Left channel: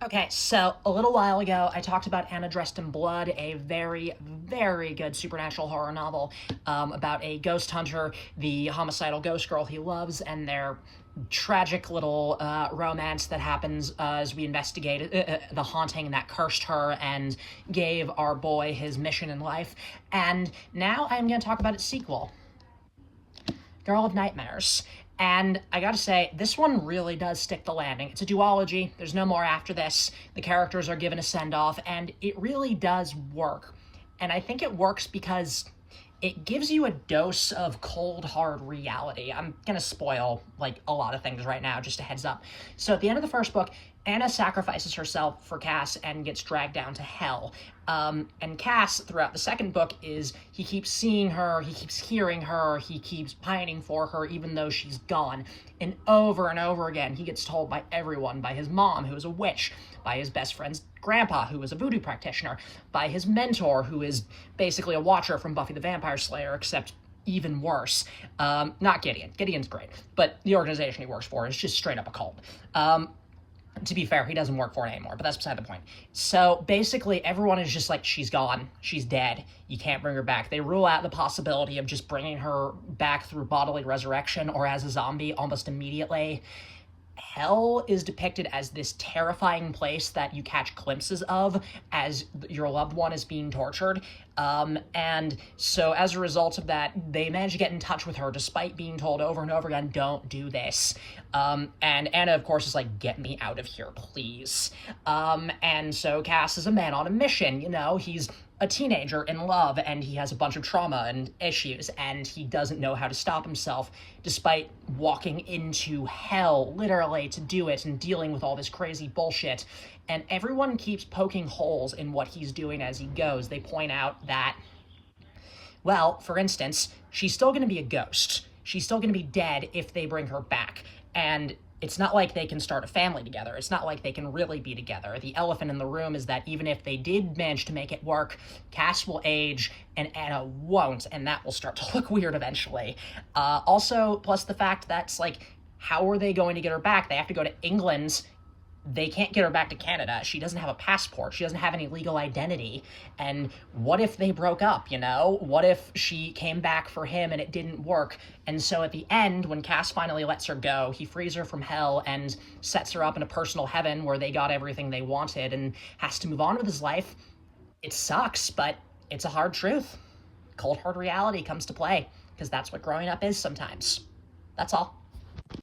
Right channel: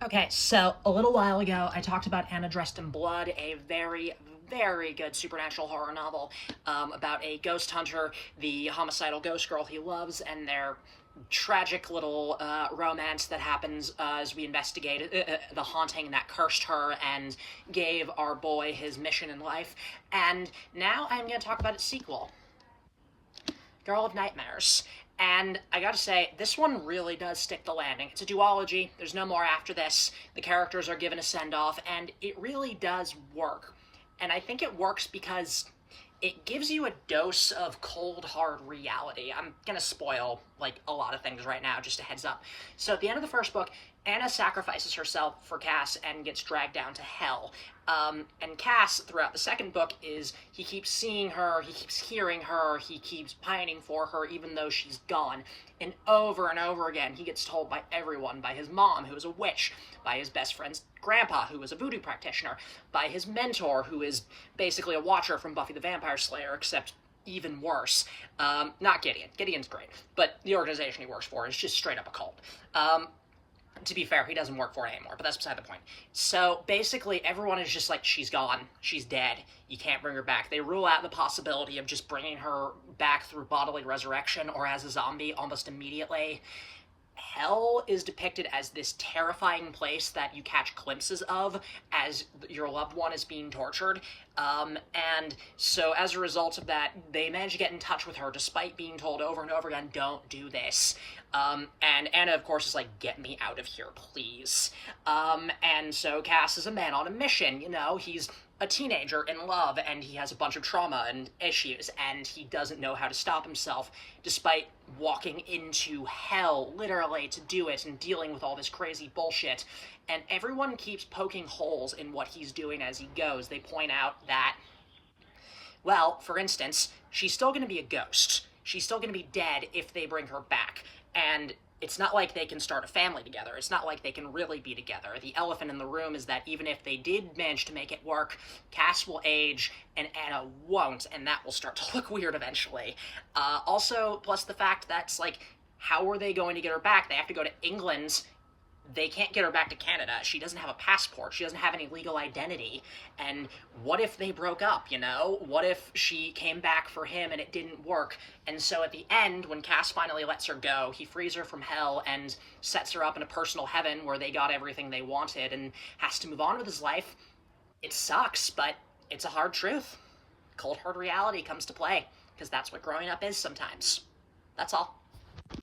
Okay, so a little while ago, I talked about Anna Dressed in Blood, a very, very good supernatural horror novel about a ghost hunter, the homicidal ghost girl he loves, and their tragic little romance that happens as we investigate the haunting that cursed her and gave our boy his mission in life. And now I'm going to talk about its sequel, Girl of Nightmares. And I gotta say, this one really does stick the landing. It's a duology, there's no more after this. The characters are given a send off, and it really does work. And I think it works because it gives you a dose of cold, hard reality. I'm gonna spoil like a lot of things right now, just a heads up. So at the end of the first book, Anna sacrifices herself for Cass and gets dragged down to hell. And Cass, throughout the second book, he keeps seeing her, he keeps hearing her, he keeps pining for her, even though she's gone. And over again, he gets told by everyone, by his mom, who is a witch, by his best friend's grandpa, who is a voodoo practitioner, by his mentor, who is basically a watcher from Buffy the Vampire Slayer, except even worse. Not Gideon. Gideon's great, but the organization he works for is just straight up a cult. To be fair, he doesn't work for it anymore, but that's beside the point. So basically, everyone is just like, she's gone, she's dead, you can't bring her back. They rule out the possibility of just bringing her back through bodily resurrection or as a zombie almost immediately. Hell is depicted as this terrifying place that you catch glimpses of as your loved one is being tortured. And so as a result of that, they manage to get in touch with her despite being told over and over again, don't do this. And Anna, of course, is like, get me out of here, please. And so Cass is a man on a mission, you know, he's a teenager in love and he has a bunch of trauma and issues and he doesn't know how to stop himself despite walking into hell literally to do it and dealing with all this crazy bullshit. And everyone keeps poking holes in what he's doing as he goes. They point out that, well, for instance, she's still going to be a ghost. She's still going to be dead if they bring her back. And it's not like they can start a family together. It's not like they can really be together. The elephant in the room is that even if they did manage to make it work, Cass will age and Anna won't, and that will start to look weird eventually. Also, plus the fact that's like, how are they going to get her back? They have to go to England. They can't get her back to Canada. She doesn't have a passport. She doesn't have any legal identity. And what if they broke up, you know? What if she came back for him and it didn't work? And so at the end, when Cass finally lets her go, he frees her from hell and sets her up in a personal heaven where they got everything they wanted and has to move on with his life. It sucks, but it's a hard truth. Cold hard reality comes to play, because that's what growing up is sometimes. That's all.